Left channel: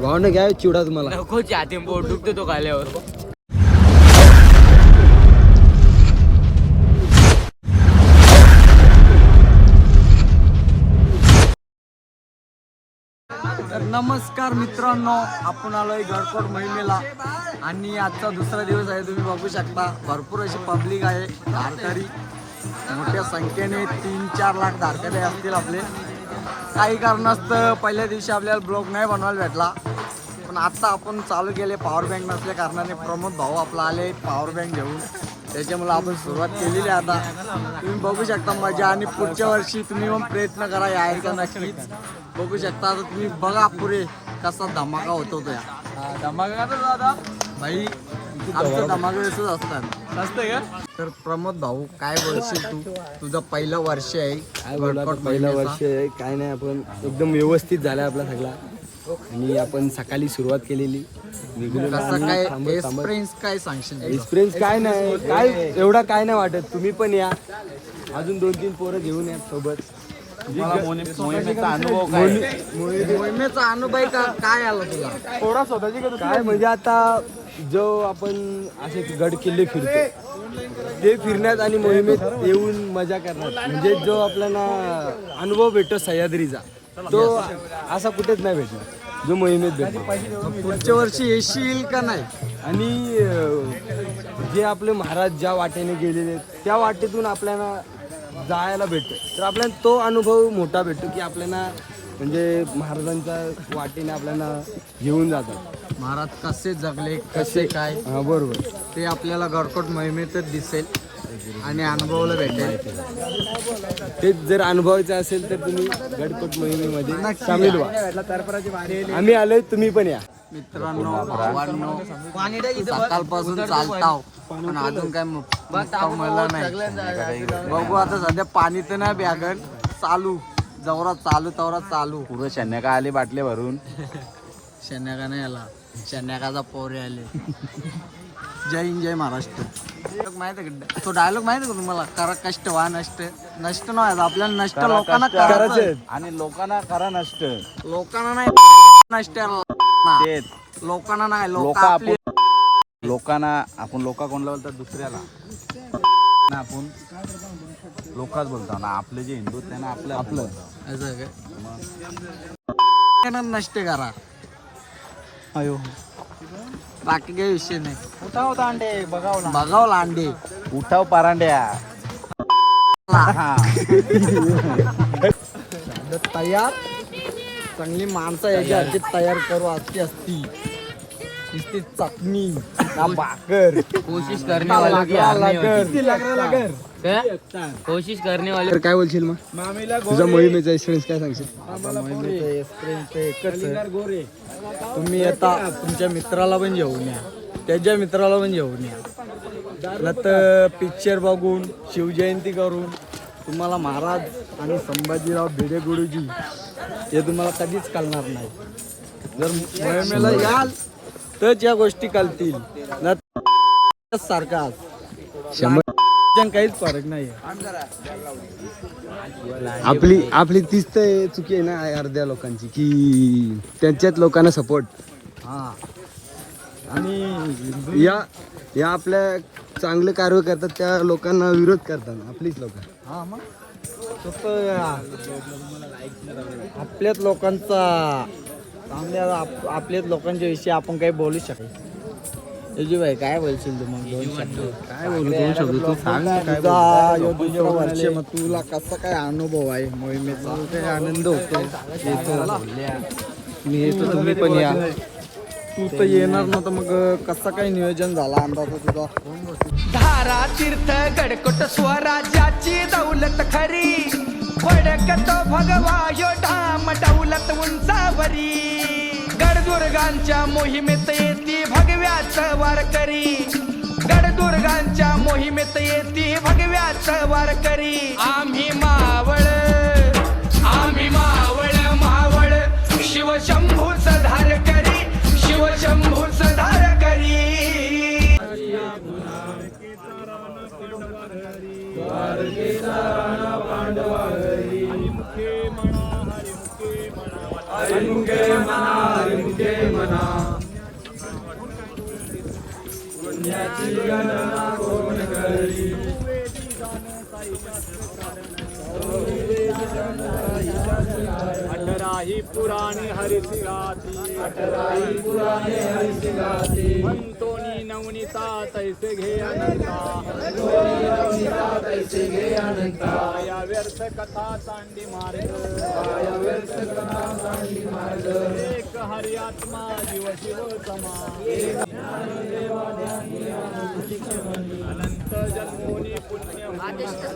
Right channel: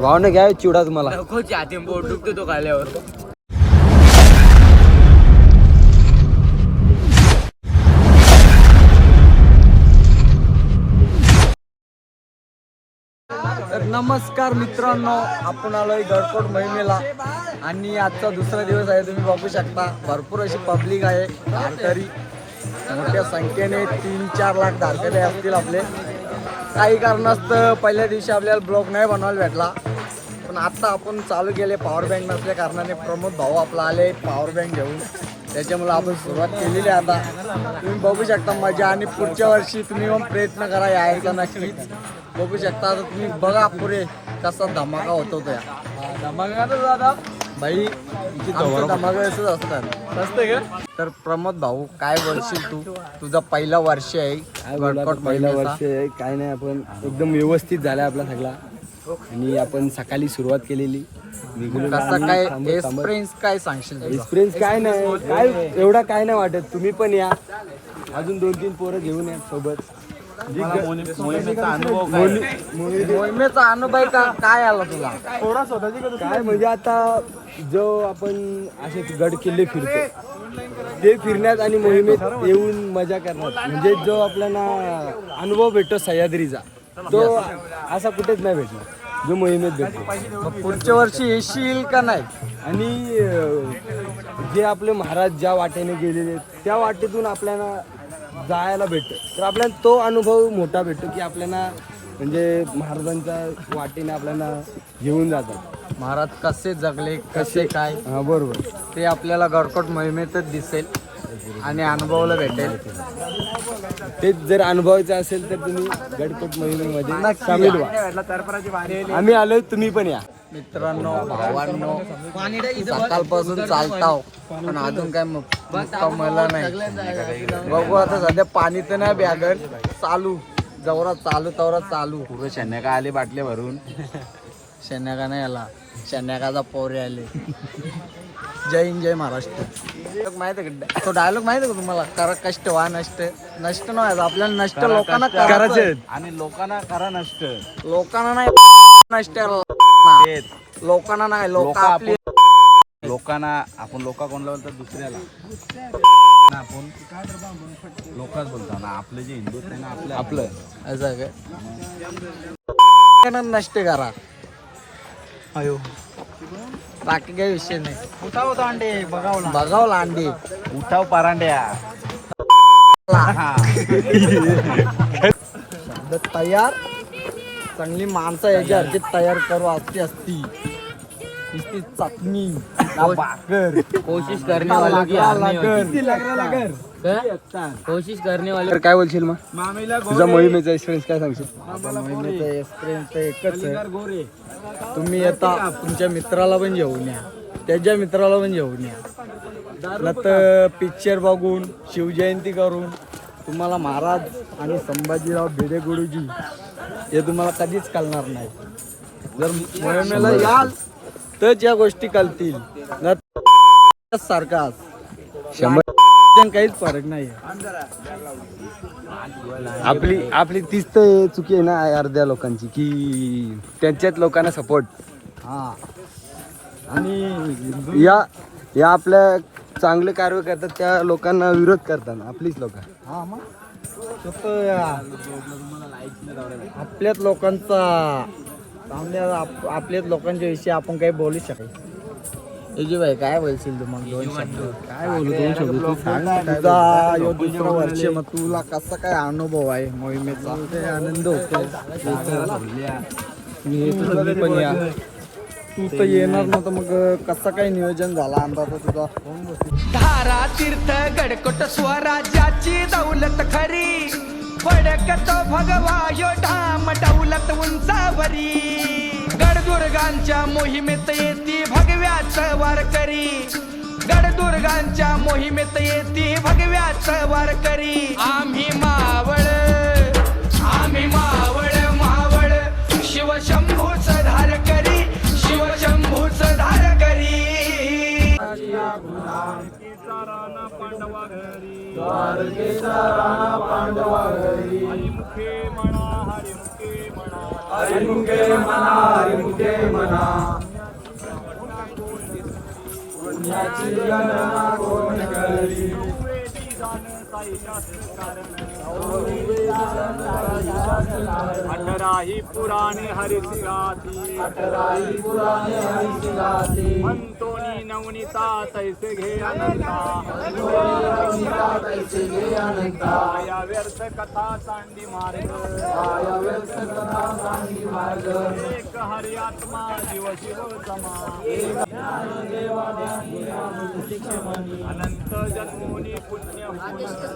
भावने घ्या चिवडा तुम्हाला नको हाती बोट दुखतो तो खाल्यावर. नमस्कार मित्रांनो आपण आलोय गडकोट मोहिमेला. आणि आजचा दुसरा दिवस आहे तुम्ही बघू शकता. भरपूर अशी पब्लिक आहे धारकरी. मोठ्या संख्येने तीन चार लाख धारकरी असतील आपले. काही कारणास्तव पहिल्या दिवशी आपल्याला ब्लॉग नाही बनवायला भेटला. पण आता आपण चालू केले पॉवर बँक नसल्या कारणाने प्रमोद भाऊ आपला आले पॉवर बँक घेऊन. त्याच्यामुळे आपण सुरुवात केलेली आहे आता. तुम्ही बघू शकता मजा आणि पुढच्या वर्षी तुम्ही पण प्रयत्न करा यायचा नक्की बघू शकता तुम्ही बघा पुरे कसा धमाका होतो त्या धमाका दादा भाई आमचं धमाका असंच असतात असतंय का? तर प्रमोद भाऊ काय बोलशील तू? तुझा पहिला वर्ष आहे. काय बोला आता? वर्कआउट पहिला महिन्याचा. वर्ष आहे. काय नाही आपण एकदम व्यवस्थित झाला आपला सगळा. आणि आपण सकाळी सुरुवात केलेली. निघालेलो कसा आणि काय? थांबत थांबत. एक्सपिरियन्स काय सांगशील तुझा? एक्सपिरियन्स काय नाही. काय एवढा काय नाही वाटत. तुम्ही पण या. अजून दोन तीन पोरं घेऊन या सोबत. जी ग- मोहिनी- मोहिनी- मोहिमेचा अनुभव का काय आला तुला? काय म्हणजे आता जो आपण असे गड किल्ले फिरतो ते फिरण्यात आणि मोहिमेत येऊन मजा करण्यात म्हणजे जो आपल्याला अनुभव भेटतो सह्याद्रीचा तो असा कुठेच नाही भेटणार जो मोहिमेत भेटतो. मग पुढच्या वर्षी येशील का नाही? आणि अं, जे आपले महाराज ज्या वाटेने गेलेले आहेत, त्या वाटेतून आपल्याला जायला भेटतं. तर आपल्याला तो अनुभव मोठा भेटतो की आपल्याला म्हणजे महाराजांच्या वाटेने आपल्याला घेऊन जातात. महाराज कसे जगले कसे काय? हा बरोबर. ते आपल्याला गडकोट मोहिमेतच दिसेल आणि अनुभवाला भेटेल. तेच जर अनुभवायचं असेल तर तुम्ही गडकोट मोहिमेमध्ये नक्की सामील. व्हा. आम्ही आलोय तुम्ही पण या. मित्रांनो भावांनो सकाळपासून चालताव पण अजून काय मुक्काम मला नाही. बघू आता सध्या पाणी तर नाही बॅगन चालू जवरा चालू तवरा चालू. पूर्व शन्या आले बाटले भरून. शन्याका नाही आला शन्याकाचा पोरे आले. जय हिंद जय महाराष्ट्र. माहिती आहे का? तो डायलॉग माहिती आहे का तुम्हाला? करा कष्ट वा नष्ट. नष्ट नाही आपल्याला नष्ट लोकांना करायचं आहे. आणि लोकांना खरं नसतं लोकांना नाही. नष्ट लोकांना नाही. लोक आपली लोकांना आपण लोका कोणला बोलतात? दुसऱ्याला. ना आपण लोकांच बोलतो. ना आपले जे हिंदू आहेत त्यांना आपलं आपलं असं आहे काय नष्ट करा. बाकी काही विषय नाही. बघाव लांडे. उठाव पारांड्या. शब्द तयार. चांगली माणसं याच्यावरची तयार. करू असती असती. नुसती चटणी ना भाकर. कोशिश करने ना वालों की. क्या? कोशिश करने वाले तर काय बोलशील मग? तुझा मोहिमेचा एक्सपिरियन्स काय सांगशील? मोहिमेचं एक्सपिरियन्स तर एकच आहे. तुम्ही येता तुमच्या मित्राला पण घेऊन या. त्याच्या मित्राला पण घेऊन या. न तर पिक्चर बघून शिवजयंती करून तुम्हाला महाराज आणि संभाजीराव भिडे गुरुजी हे तुम्हाला कधीच कळणार नाही. जर मोहिमेला याल तरच या गोष्टी कळतील. न तर सारखा काहीच फरक नाही आपली आपली तीच तर चुकी आहे ना अर्ध्या लोकांची की त्यांच्याच लोकांना सपोर्ट हा. आणि या या आपल्या चांगले कार्य करतात त्या लोकांना विरोध करतात आपलीच लोक. हा मग. आपल्याच लोकांचा चांगल्या आप- आपल्याच लोकांच्या विषयी आपण काही बोलू शकतो एजी भाई काय बोलशील तू मग? दोन शब्द. काय बोलू दोन शब्द तू सांग ना काय तुझा यो दुसरा वर्ष मग तुला कसा काय अनुभव आहे मोहिमेचा? आनंद होतो मी येतो तुम्ही पण या. तू तर येणार नव्हतं मग कसं काय नियोजन झाला अंदाज तुझा? धारा तीर्थ गडकोट स्वराज्याची दौलत खरी. फडकतो भगवा यो धाम दौलत उंचावरी. गडदुर्गांच्या मोहिमेत येती भगव्याच वारकरी. गडदुर्गांच्या मोहिमेत येती भगव्याच वारकरी. आम्ही मावळ आम्ही मावळ मावळ. शिवशंभू सधार करी शिवशंभूच सधार करी हरिमुखे म्हणा हरिमुखे म्हणा पुण्याची गणना कोण करी? अठराही पुराणे गाती अठराही पुराणे हरिची गाती तोनी नवनीता तैसे घे अनंता. तैसे घे अनंता. या व्यर्थ कथा सांडी मार्ग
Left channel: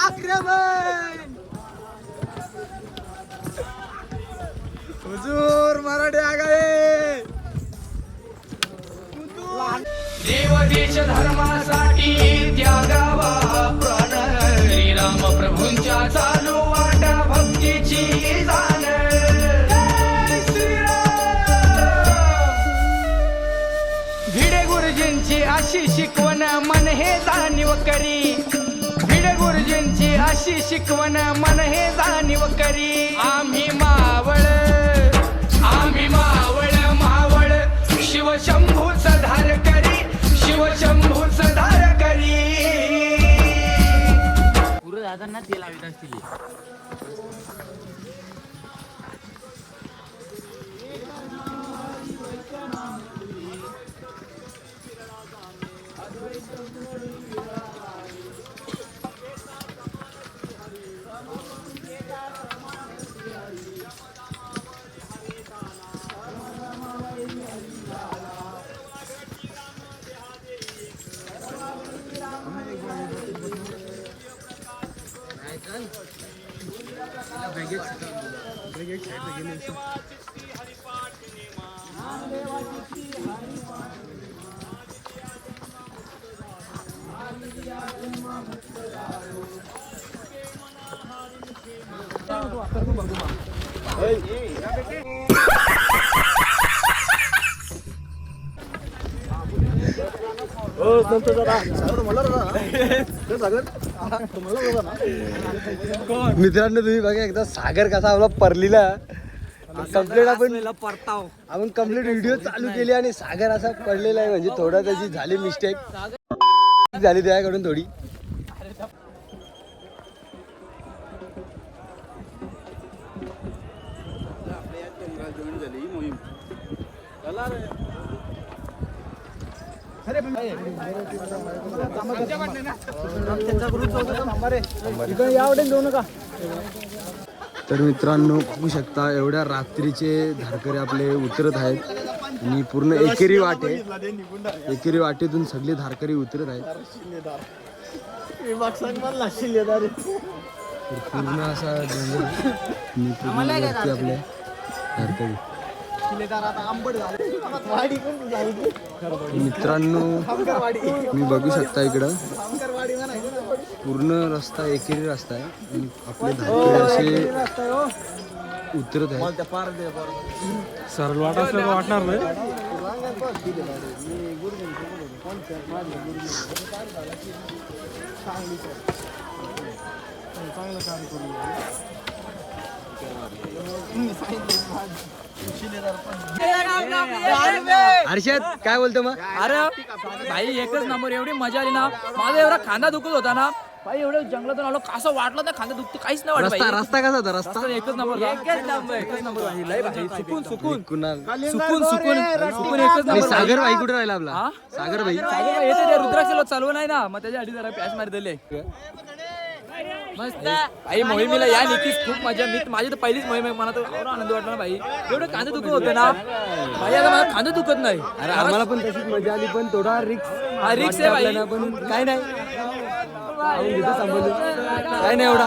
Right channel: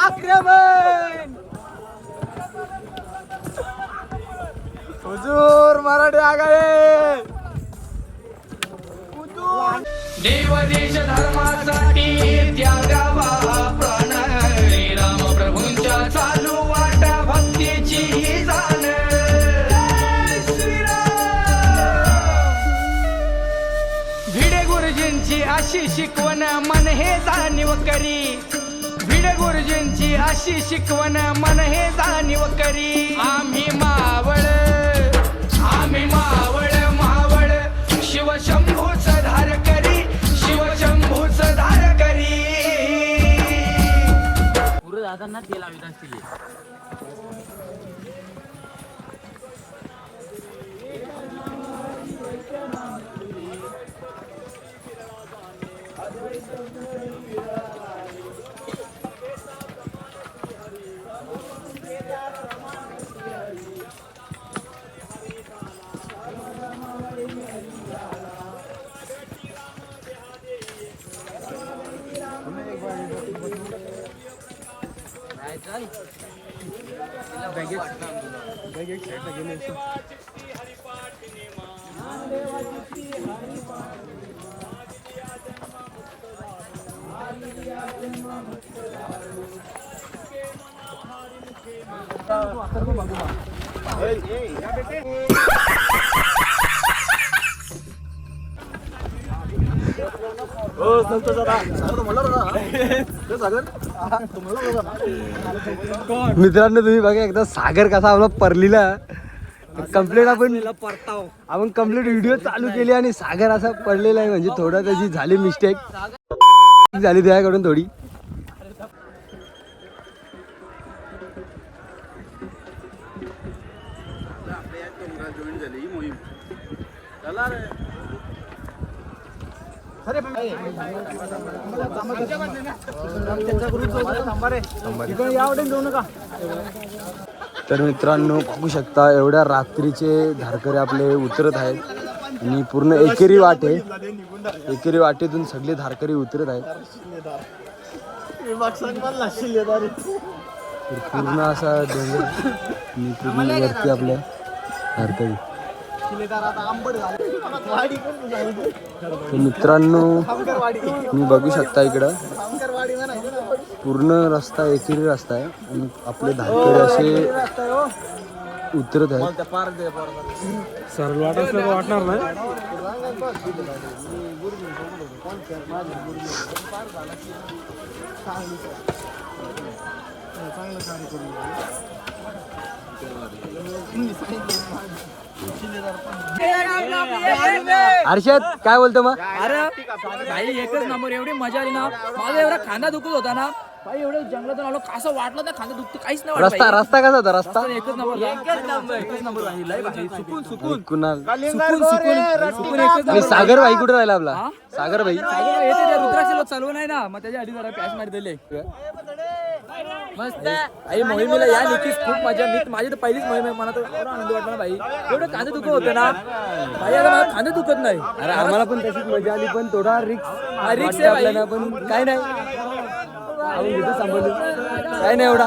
आक्रमण हुजूर मराठी आगाये देव देश धर्मासाठी त्यागा अशी शिकवण मन हे जाणीव करी. भिड गुरुजींची अशी शिकवण मन हे जाणीव करी. आम्ही मावळ आम्ही मावळ मावळ. शिवशंभू धार करी शिवशंभू धार करी. एक एक साईडला गेले हो संत दादा म्हणलं बघा ते सांगत मित्रांनो तुम्ही बघा एकदा सागर कसा आपला परलीला कंप्लीट आपण परताव आपण कंप्लीट व्हिडिओ चालू केली आणि सागर असं पडलेला आहे म्हणजे थोडा त्याची झाली मिस्टेक झाली त्याकडून थोडी. तर मित्रांनो बघू शकता एवढ्या रात्रीचे धारकरी आपले उतरत आहेत. आणि पूर्ण एकेरी वाटे एकेरी वाटेतून सगळे धारकरी उतरत आहेत. पूर्ण असा डोंगर पूर्ण वरती आपल्या धारकरी. मित्रांनो मी बघू शकता इकडं. पूर्ण रस्ता एकेरी रस्ता आहे आणि आपले धाकडे असे उतरत आहेत. सरळ वाट असलं वाटणार नाही. हर्षद काय बोलतो मग? अरे भाई एकच नंबर एवढी मजा आली ना. माझा एवढा खांदा दुखत होता ना. भाई एवढं जंगलातून आलो कसं वाटलं ना खांदा दुखत काहीच नाही वाटत रस्ता भाई. रस्ता कसा होता? रस्ता? रस्ता एकच नंबर एकच नंबर एकच नंबर भाई. लय भारी. सुकून सुकून. कुणाल? सुकून सुकून सुकून. एकच नंबर सागर भाई कुठे राहिला आपला? हा? सागर भाई. सागर भाई येते ते रुद्राक्षी लोक चालू नाही ना. मग त्याच्या आधी जरा पॅच मारी दिले मस्त. भाई मोहिमेला या निकीच खूप मजा. मी माझी तर पहिलीच मोहीम आहे. मला तर एवढा आनंद वाटला ना भाई एवढं कांदे दुखत होतं ना. भाई आता मला खांदे दुखत नाही. अरे आम्हाला पण तशीच मजा आली पण थोडा रिक्स हा, risk आहे भाई. आपल्याला पण काय नाही. आपण घेतो सांभाळून. काय नाही एवढा.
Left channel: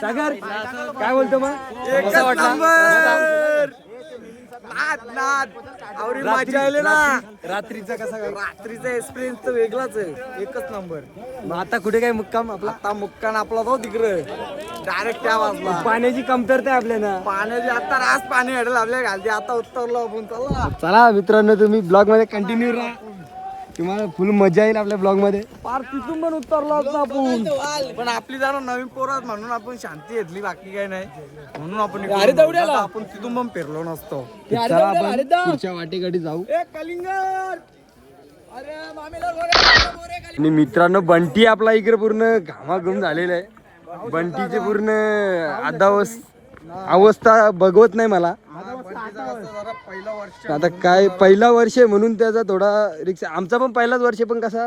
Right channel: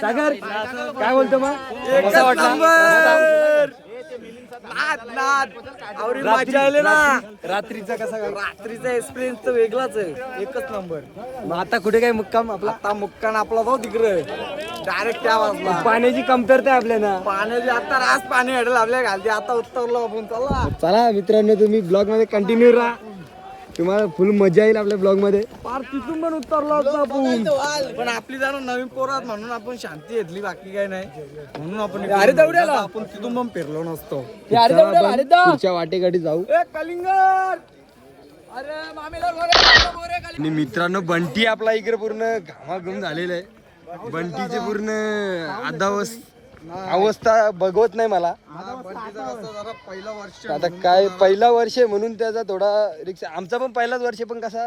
सागर काय बोलतो मग? कसा वाटला? नाद नाद. आवरी मजा आली ना. रात्रीचा कसा? रात्रीचा एक्सपिरियन्स तर वेगळाच आहे. एकच नंबर मग आता कुठे काय मुक्काम? आपला आता मुक्कान आपला तो तिकडे. डायरेक्ट त्या वाजला पाण्याची कमतरता आहे आपल्याला पाण्याची आता रास पाणी हडल आपल्या घालते. आता उत्तरलो आपण चला. चला मित्रांनो तुम्ही ब्लॉगमध्ये कंटिन्यू राहा. तुम्हाला फुल मजा येईल आपल्या ब्लॉगमध्ये. पार तिथून पण उतरलो असतो आपण पण आपली जरा नवीन पोरात म्हणून आपण शांती घेतली बाकी काय नाही. म्हणून आपण अरे. आता आपण तिथून पण फिरलो नसतो. अरे चला आपण अरे जाऊ. पुढच्या. आणि मित्रांनो बंटी आपला इकडे पूर्ण घामाघूम झालेला आहे. बंटीचे पूर्ण अदावस अवस्था बघवत नाही मला. पहिला वर्ष आता काय पहिला वर्ष आहे म्हणून त्याचा थोडा रिक्स आमचा पण पहिलाच वर्ष पण कसा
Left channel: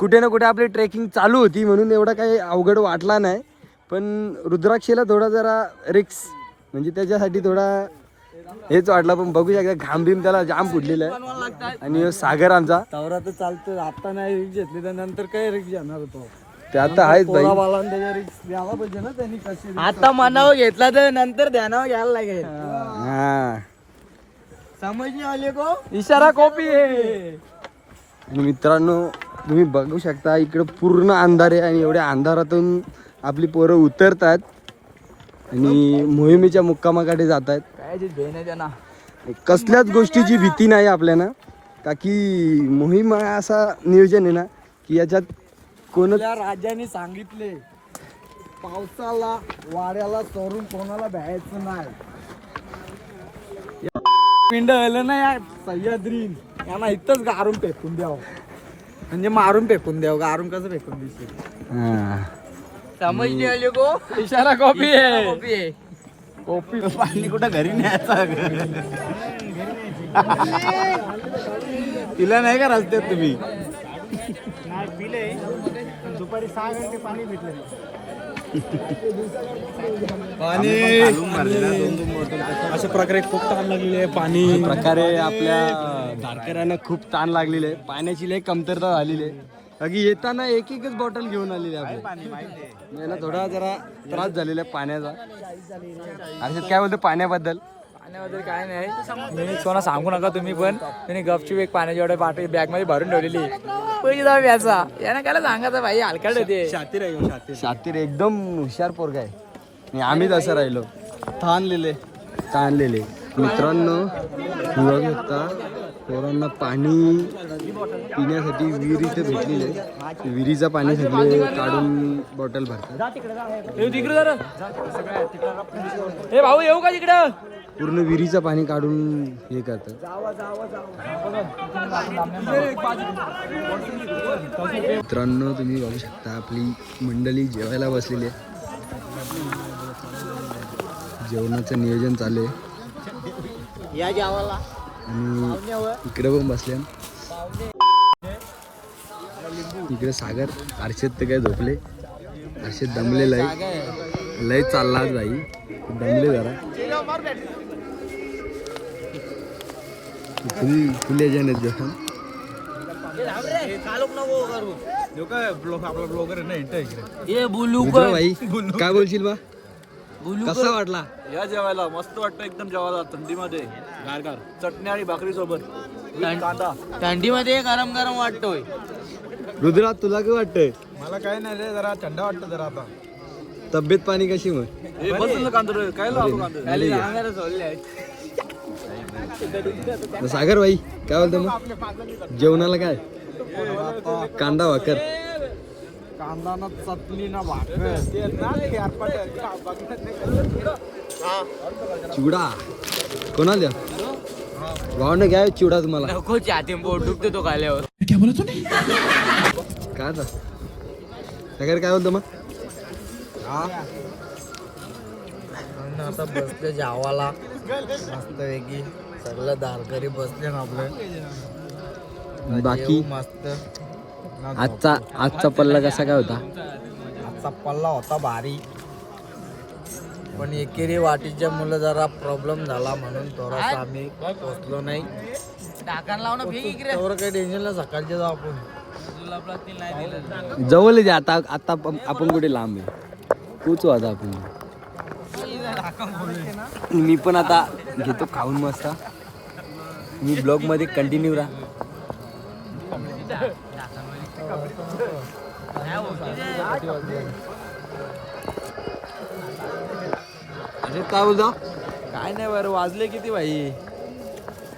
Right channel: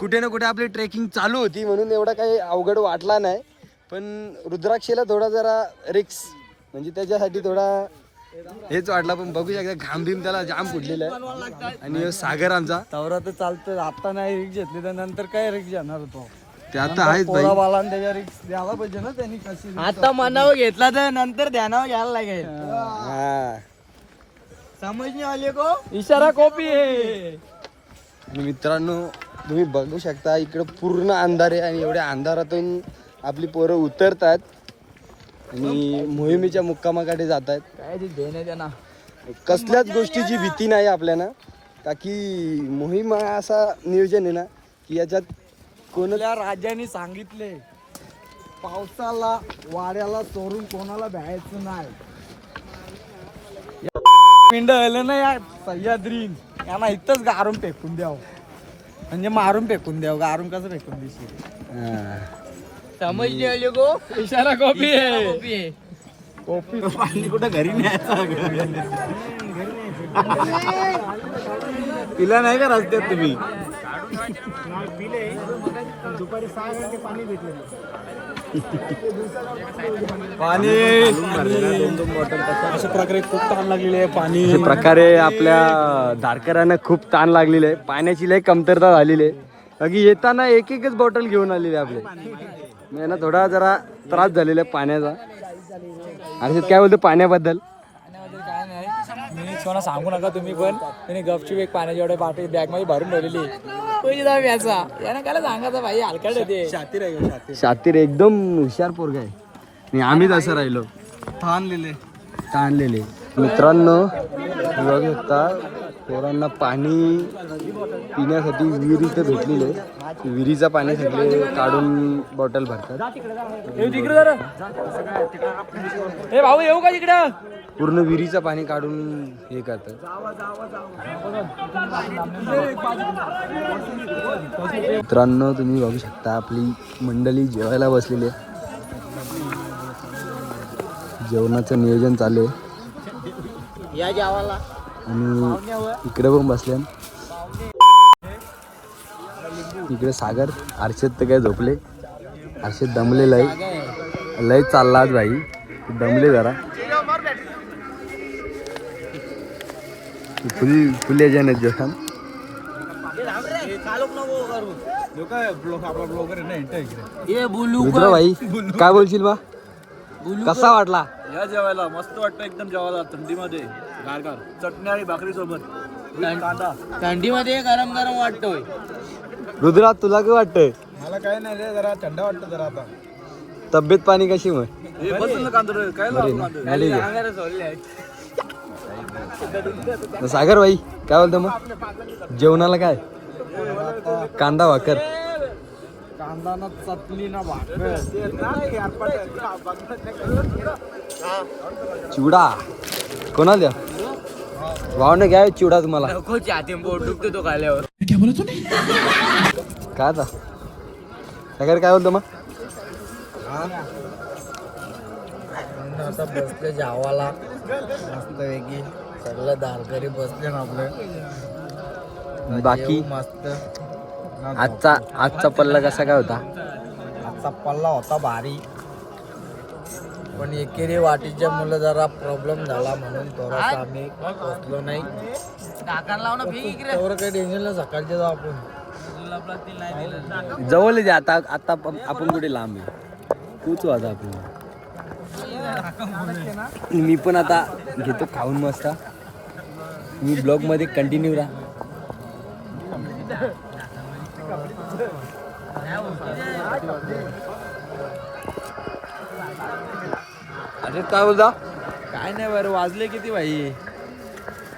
कुठे ना कुठे आपली ट्रेकिंग चालू होती म्हणून एवढा काही अवघड वाटला नाही. पण रुद्राक्षेला थोडा जरा रिक्स म्हणजे त्याच्यासाठी थोडा हेच वाटला पण बघू शकता घाम बिम त्याला जाम फुटलेला आहे. आणि सागर आमचा तवरा तर चालतं आता नाही रिक्स घेतली तर नंतर काय रिक्स घेणार होतो ते आता आहेच भाई पोराबाला त्याच्या रिक्स द्यायला पाहिजे ना त्यांनी कशी risk आता मनावर घेतला तर नंतर ध्यानावर घ्यायला लागेल. हा. समज नाही आले को इशारा कॉपी आहे. मित्रांनो तुम्ही बघू शकता इकडे पूर्ण अंधार आहे आणि एवढ्या अंधारातून आपली पोरं उतरतात आणि मोहिमेच्या मुक्कामाकडे जात आहेत काय ते देणे त्यांना कसल्याच गोष्टीची भीती नाही आपल्याला. का की मोहीम हा असा नियोजन आहे ना की याच्यात कोण आपल्या राजाने सांगितले पावसाला वाड्याला चोरून कोणाला भ्यायचं नाही. या पिंड आलं ना या सह्याद्रीन. यांना इथंच गारून फेकून द्यावं. म्हणजे मारून फेकून द्यावं गारून कसं फेकून दिसेल हा. गो. इशारा कॉपी आहे. कॉपी पाणी कुठं घरी न्यायचं तिला नाही का रस्त्यात तुम्ही? पाणी अशा प्रकारे खूप ताण लागलेली आहे पाणी प्रकारे आपल्या धारकऱ्यांना खूप ताण लागलेली आहे. पाण्याची लय कमतरता झालेली आहे. बाकी येताना एक एकच बॉटल घेऊन आलेली आहे आपले यांना थोडा जरा त्रास झालेला आहे पाण्याचा. अर्षद काय बोलतो पाण्याबद्दल? पाण्याबद्दल काय नाही. मी कोणा सांगू नका तुम्ही पण. त्यांनी गपचूप एक पाण्याची एवढ्या बाटली बॅगमध्ये भरून ठेवलेली. पैसे जाऊ व्याचा यानं काय सांगायचं भाई हलकट होते. शातीर एकदम हुशार पोरगा आहे. आणि आम्हीच असं राहिलो. आणलेले आणलेले. मित्रांनो बघू शकता पोरांना पाणी पिण्यासाठी विहीर इथे भेटलेलं आहे. विहिरीचं पाणी सगळे काढून बॉटल भरतात. भाऊ येऊ का तिकडं? पूर्ण विहिरीचं पाणी काढून हे करतात. मित्रांनो तुम्ही बघू शकता आपली मंडळी जेवायला बसलेली आहे. जेवणाचं नियोजन चालू आहे. या गावाला. आणि इकडे पण बसले इकडे सागर हर्षद तर काय झोपले. हर्षद दमले लय लय चालला आज भाई. दमले जरा. फुल फुल रुद्र भाई काय बोलशील बा? कसा वाटला? या जेवायला मस्त वाटतं एकदम जेवायला थंडीमध्ये. गार गार चटणी आणि भाकरी सोबत. कांदा. थंडीमध्ये गरम गरम वाटतोय. रुद्रा तुला काय वाटतंय? मला काय नाही रे जरा थंड वाटतं जरा आता. तब्येत पाणी कशी मग? हे काय सागर भाई काय बोलतो मग? जेवणाला काय? कांदा भाकर. कांदा ना चटणी ना भाकर. चिवडा. कोणाला? भावने घ्या चिवडा तुम्हाला. नको हाती पोट दुखतो तो खाल्यावर काय आता? सागर काय बोलतो मग? आता बसले जावाला. मस्त वेगळी सगळं दारकरी बसले ना आपले. बाकी? मस्त. आजचा आजचा पल्ला कसा काय होता? आजचा पल्ला होता भारी. पण एकेरी वाटीच्या मुलं जरा प्रॉब्लेम झाला म्हणून थोडासा आम्ही पोचलो नाही. तेवढं काही टेन्शन नाही सकाळचे जाऊ आपण. जवळ आहे आता आता पण आपण कुठे लांब आहे तूच आता आपण. मी पण आता घेतो खाऊन मस्त. मी ब्लॉगमध्ये कंटिन्यू राहा. अरे काय बोलता? काय नाही बरं वाजले किती भाई?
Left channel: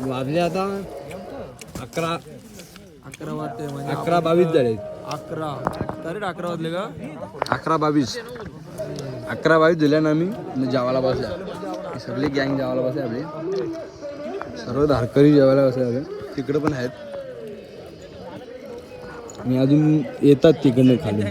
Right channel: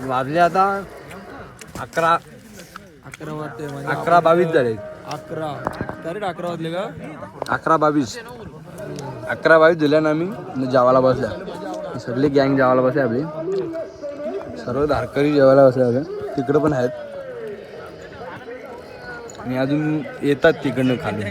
वाजले आता अकरा. अकरा वाजते म्हणजे अकरा बावीस झाले. अकरा. तरी अकरा वाजले का? अकरा बावीस. अकरा बावीस दिल्या आम्ही मग जेवायला बसल्या सगळी गँग जेवायला बसले आपली. सर्व धारकरी जेवायला बसले आपले तिकडं पण आहेत. आणि अजून येतात तिकडनं खाली.